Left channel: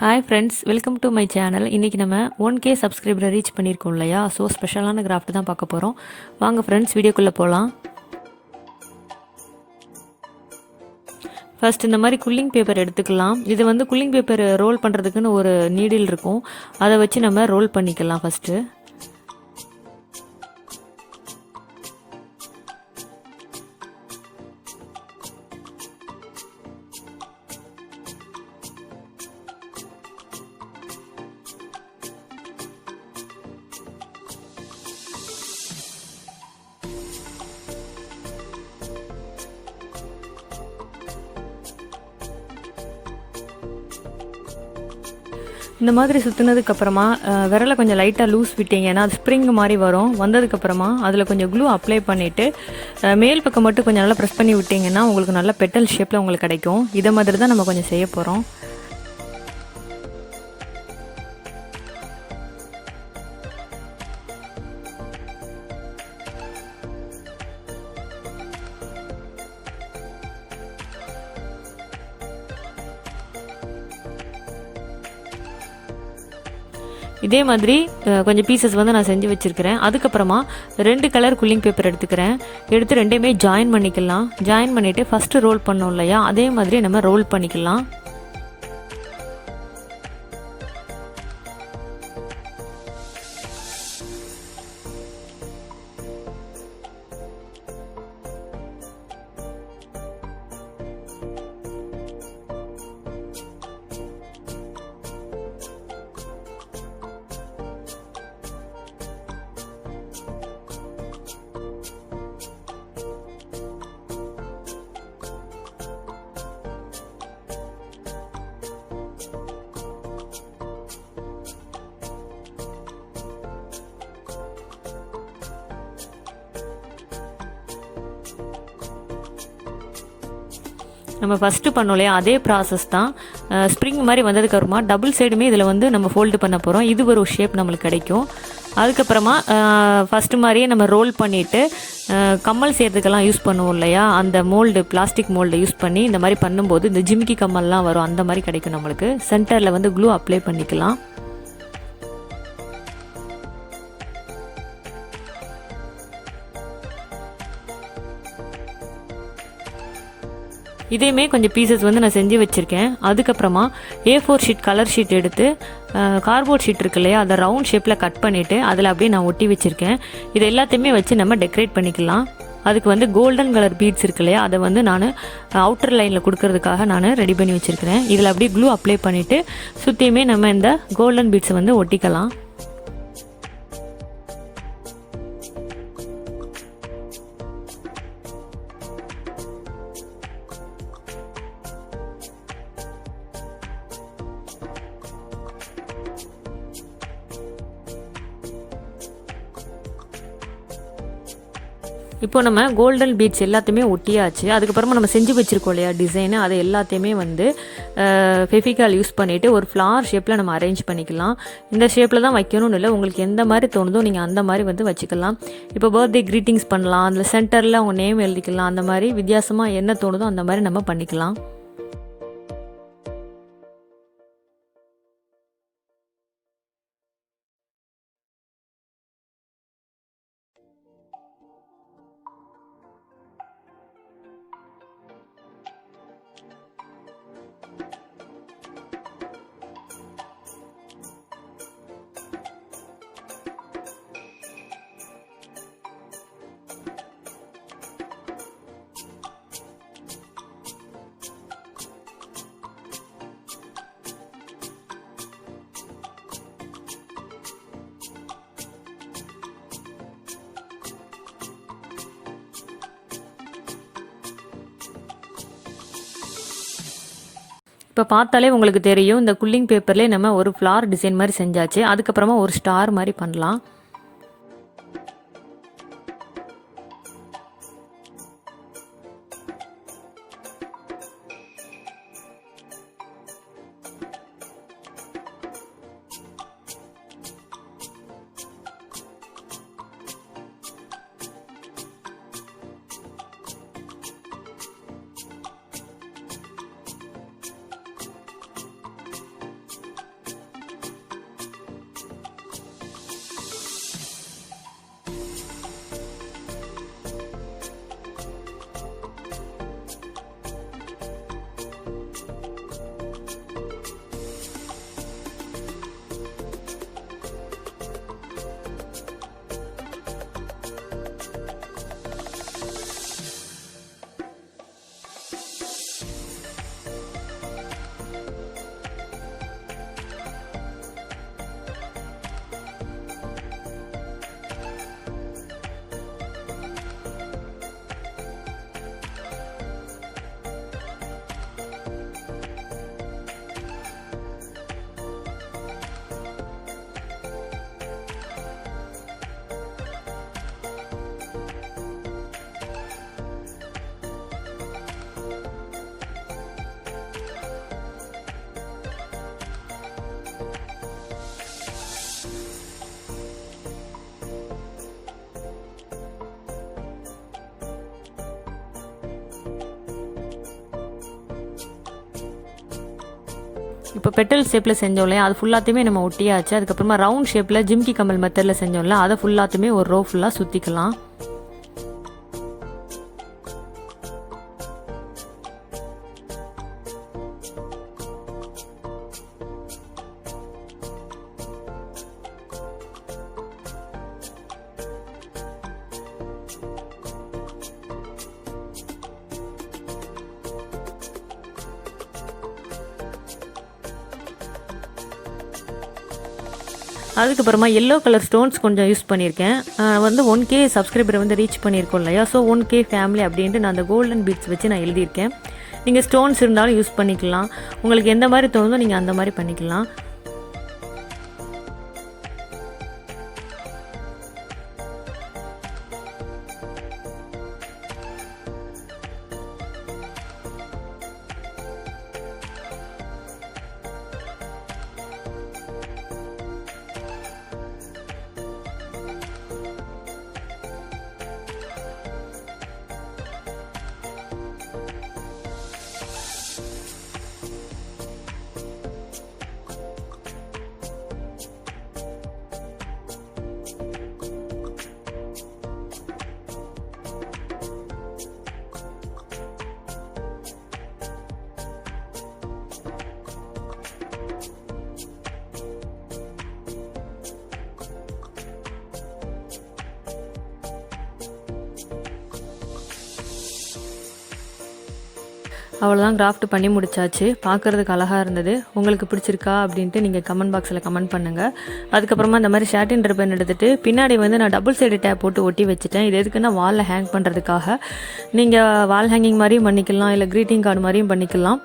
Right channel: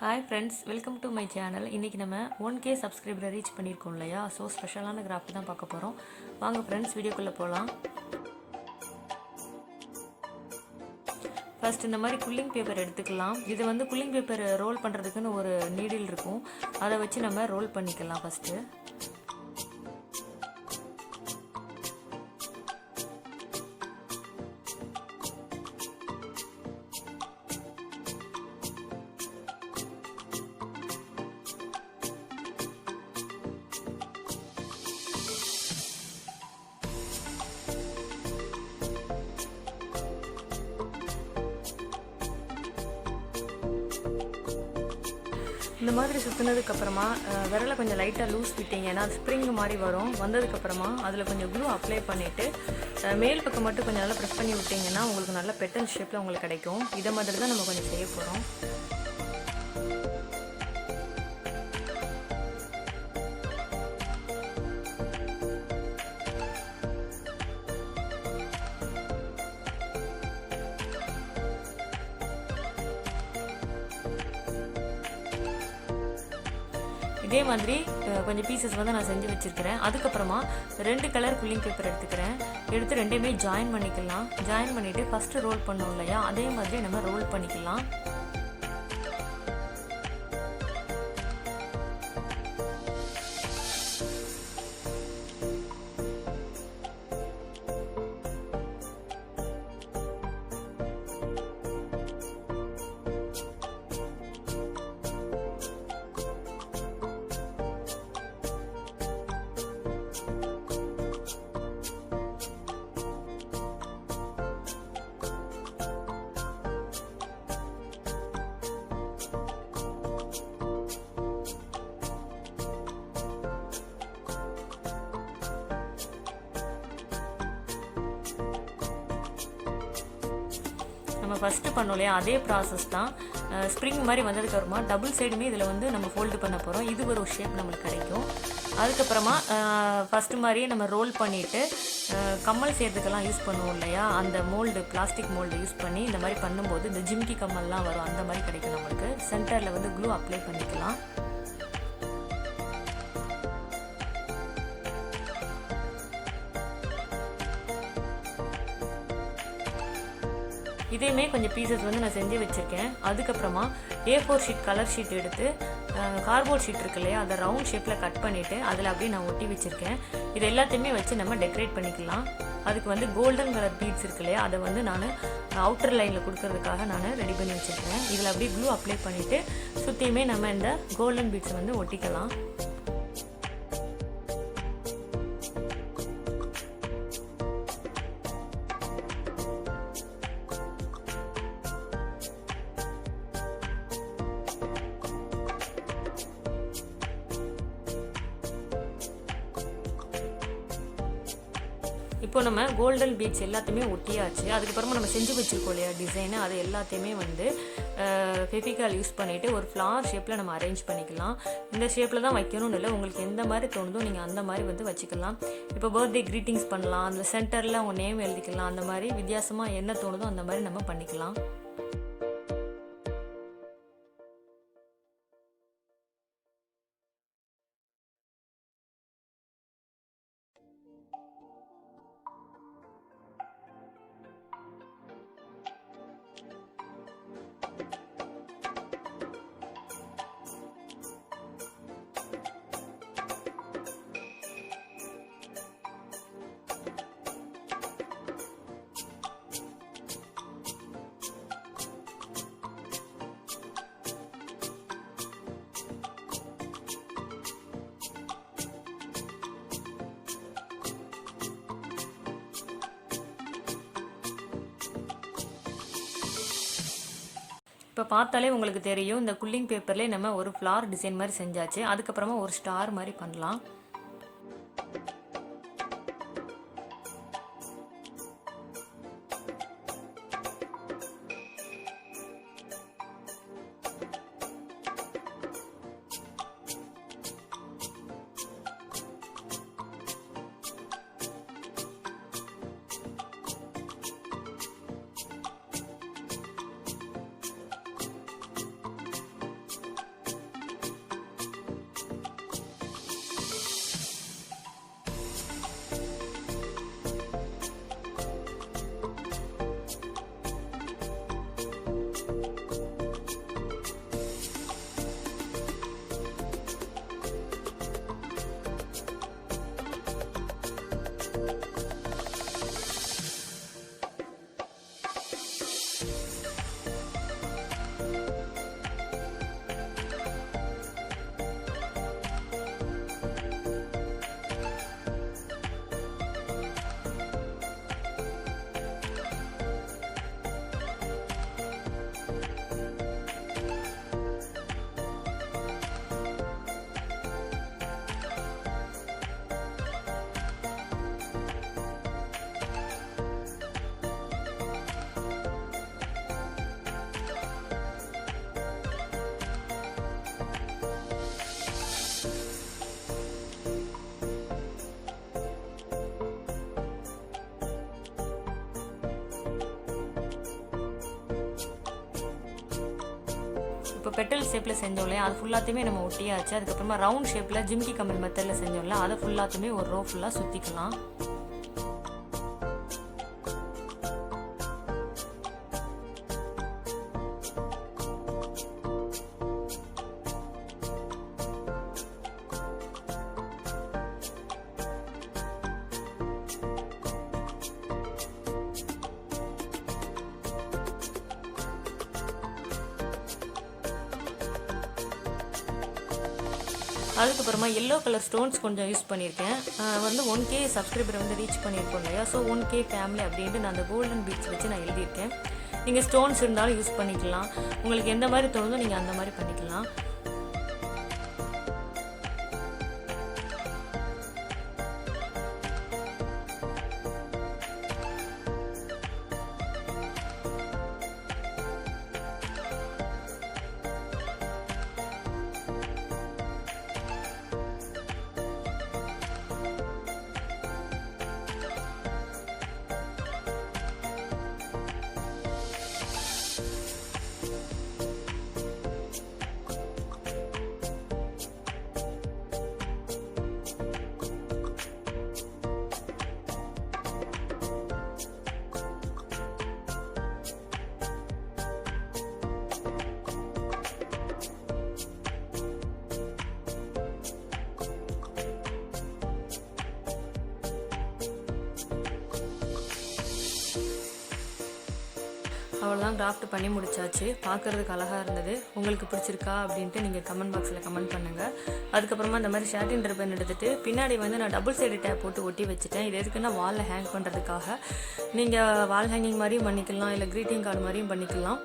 Hi friends, welcome to my channel. இன்றைக்கி நம்ம 1K சப்ஸ்கிரைபரை reach பண்ணியிருக்கோம் இல்லையா? ஸோ ஸ்பெஷலான கிராஃப்ட் தான் பார்க்க போகிறோம். வாங்க ஃப்ரெண்ட்ஸ், வீடியோக்குள்ளே போகலாம். ஃபர்ஸ்ட் இந்த மாதிரி குல்லிங் பேப்பர் எடுத்துக்கலாம். இது வந்து குல்லிங் பேப்பர் ரோல் பண்ணுறதுக்குன்னு ஒரு நீடில் இருக்கும். அதை வச்சு நம்ம ரோல் பண்ணிக்கலாம் ஃபஸ்ட்டு. இந்த மாதிரி சுற்றினதுக்கப்புறமா விரலை கொஞ்சம் லைட்டாக லூஸ் விட்டிங்கன்னா அது ஸ்ப்ரிங் மாதிரி வரும். வந்ததுக்கப்புறமா அதில் கொஞ்சம் க்ளூ அப்ளை பண்ணிவிட்டு மேல் பக்கம் மட்டும் கொஞ்சம் நல்லா ப்ரெஸ் பண்ணி விட்டிங்கன்னா உங்களுக்கு நல்ல பெட்டல் ஷேப்பில் உங்களுக்கு கிடைக்கும். இதை மாதிரி தான் நம்ம கொஞ்சம் செய்ய போகிறோம். இதே மாதிரி கொஞ்சம் பீசஸ் வந்து நான் செஞ்சு வச்சுருக்கிறேன். அதுக்கப்புறமா 2 கலர் குல்லிங் பேப்பர் எடுத்துக்கிறேன். எடுத்து ரெண்டையுமே ஜாயின் பண்ணிக்கலாம். ஜாயின் பண்ணிவிட்டு ஃபஸ்ட்டு ரோல் பண்ணோம் இல்லையா, அதே மாதிரி நம்ம ரோல் பண்ணிக்கலாம். நம்ம ஃபஸ்ட்டு பண்ணோம் இல்லையா, அதே ப்ராசஸ் தான். ஸ்ப்ரிங் மாதிரி வந்ததுக்கப்புறமா டபுள் சைடுமே இதில் வந்து நம்ம ஃபோல்டு பண்ண போகிறோம். இது ஒரு ஷேப் நம்மளுக்கு கிடைக்கும். அதுக்கப்புறமா ஃபஸ்ட்டு மாதிரியே நம்ம ரோல் பண்ணிவிட்டு கம்மல் செய்கிறதுக்கெல்லாம் யூஸ் பண்ணுவோம் இல்லையா, அந்த மோல்டு, பிளாஸ்டிக் மோல்டு யூஸ் பண்ணி இந்த மாதிரி பண்ணும்போது இந்த ஜிமிக்கி கம்மல்லாம் வரும், அந்த மாதிரி கிடைக்கும் நம்மளுக்கு. சென்டரில் வந்து க்ளூ அப்ளை பண்ணிக்கலாம். இதையுமே கொஞ்சம் பீசஸ் வந்து நான் செஞ்சு வச்சுருக்கேன். அதுக்கப்புறமா A4 ஷீட், கலர் ஷீட் எடுத்து கார்ட்போர்ட் ஷீட் இருக்கு இல்லையா, அதை ரவுண்ட் ஷேப்பில் கட் பண்ணிவிட்டு அதில் அப்படியே நான் ஒட்டி வச்சுருக்கேன். இது எல்லாத்தையுமே வச்சு நம்ம டெக்கரேட் பண்ணிக்கலாம். அதுக்கு வந்து கோல்டன் கலர் பீட்ஸ் இருக்கு இல்லையா, அதை வந்து நான் அவுட்டர் லைனில் கொடுக்கறதுக்காக நான் ரெடி பண்ணி வச்சுருக்கிறேன். இதில் அப்படியே க்ளூ அப்ளை பண்ணிவிட்டு சுற்றியுமே நம்ம இந்த கோல்டன் பீட்ஸை வந்து ஒட்டிக்கலாம். இப்போ நம்ம கோல்டன் பீட்ஸ் எல்லாத்தையுமே ஒட்டியாச்சு. அதுக்கப்புறமா நம்ம செஞ்சு வச்சுருக்கோம் இல்லையா டிசைனு, அதை எல்லாத்தையுமே வந்து ஃபெவிகால் யூஸ் பண்ணிவிட்டு ஒரு ஃப்ளார் ஷேப்பில் நம்ம அரேஞ்ச் பண்ணிக்கலாம். இந்த ஷேப்பில் தான் வைக்கணும்னு இல்லை, உங்களுக்கு எந்த மாதிரி தோணுதோ நீங்கள் அந்த மாதிரி வந்து வச்சுக்கலாம். இப்போ பர்த்டே க்ரீட்டிங்ஸ் பண்ணலாம், அதில் சென்டரில் அவங்க நேம் எழுதிக்கலாம். அந்த மாதிரி வித்தியாசமாக என்ன தோணுதோ அந்த மாதிரி நம்ம பண்ணிக்கலாம். இப்போ பார்த்தாலே உங்களுக்கு தெரியும், இந்த குல்லிங் பேப்பர்லேயே நம்ம ஒரு ஃப்ளார் டிசைன் மாதிரி செஞ்சாச்சு. அதுக்கப்புறமா ஒரு ஸ்டார் மாதிரி பண்ணலாம். இப்போ பெட்டல் ஷேப்பில் செஞ்சோம் இல்லையா, அது ஃபுல்லாத்தையுமே நம்ம ஒட்டியாச்சு. அதுக்கப்புறமா ரவுண்ட் ஷேப்பில் ஜிம்கி கமல் மெத்தடில் செஞ்சோம்ல, அதை ஃபுல்லாத்தையுமே ஒரு ரோ ஃபுல்லாக சுற்றிக்கலாம். அதுக்கப்புறமா எல்லோ கலர் ஸ்டோன்ஸ் கொஞ்சம் யூஸ் பண்ணியிருக்கேன். வந்து 1K சப்ஸ்கிரைபரை வந்து ரீச் பண்ணியிருக்கோம் இல்லையா, ஸோ 1K ஃபேமிலி அப்படின்ட்டு நான் அந்த கோல்டன் பீட்ஸ் வச்சு நான் எழுதியிருக்கேன். நீங்கள் ஸ்டோன்ஸ் இருந்தாலும் யூஸ் பண்ணிக்கலாம். உங்களுக்கு எந்த மாதிரி தோணுதோ நீங்கள் அந்த மாதிரி பண்ணிக்கலாம். அவ்வளோதான், கிராஃப்ட் பண்ணி முடிச்சாச்சு. பார்க்குறதுக்கு அழகாக இருந்தது. உங்களுக்கு பிடிச்சிருக்கா அப்படின்ட்டு நீங்கள் கமெண்ட் பாக்ஸில் கமெண்ட் பண்ணுங்கள். அதுக்கப்புறமா இந்த மாதிரி ஷார்ட்டின் ரிப்பன் எடுத்துகிட்டு பின்னாடி வந்து நான் டபுள் சைடு டேப் போட்டு ஒட்டி வச்சுட்டேன். இது எதுக்குன்னா வாலில் ஹேங் பண்ணுறதுக்காக. நீங்கள் வால் ஹேங்கிங் மாதிரியும் பண்ணிக்கலாம், இல்லை க்ரீட்டிங் கார்டு மாதிரியும் பண்ணிக்கலாம்.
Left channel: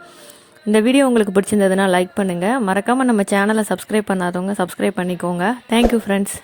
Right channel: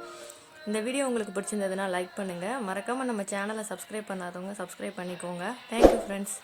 இந்த வீடியோ உங்களுக்கு பிடிச்சிருந்ததுன்னா லைக் பண்ணுங்கள். மறக்காமல் நம்ம சேனலை சப்ஸ்கிரைப் பண்ணாதவங்க சப்ஸ்கிரைப் பண்ணிக்கோங்க. Thank you friends.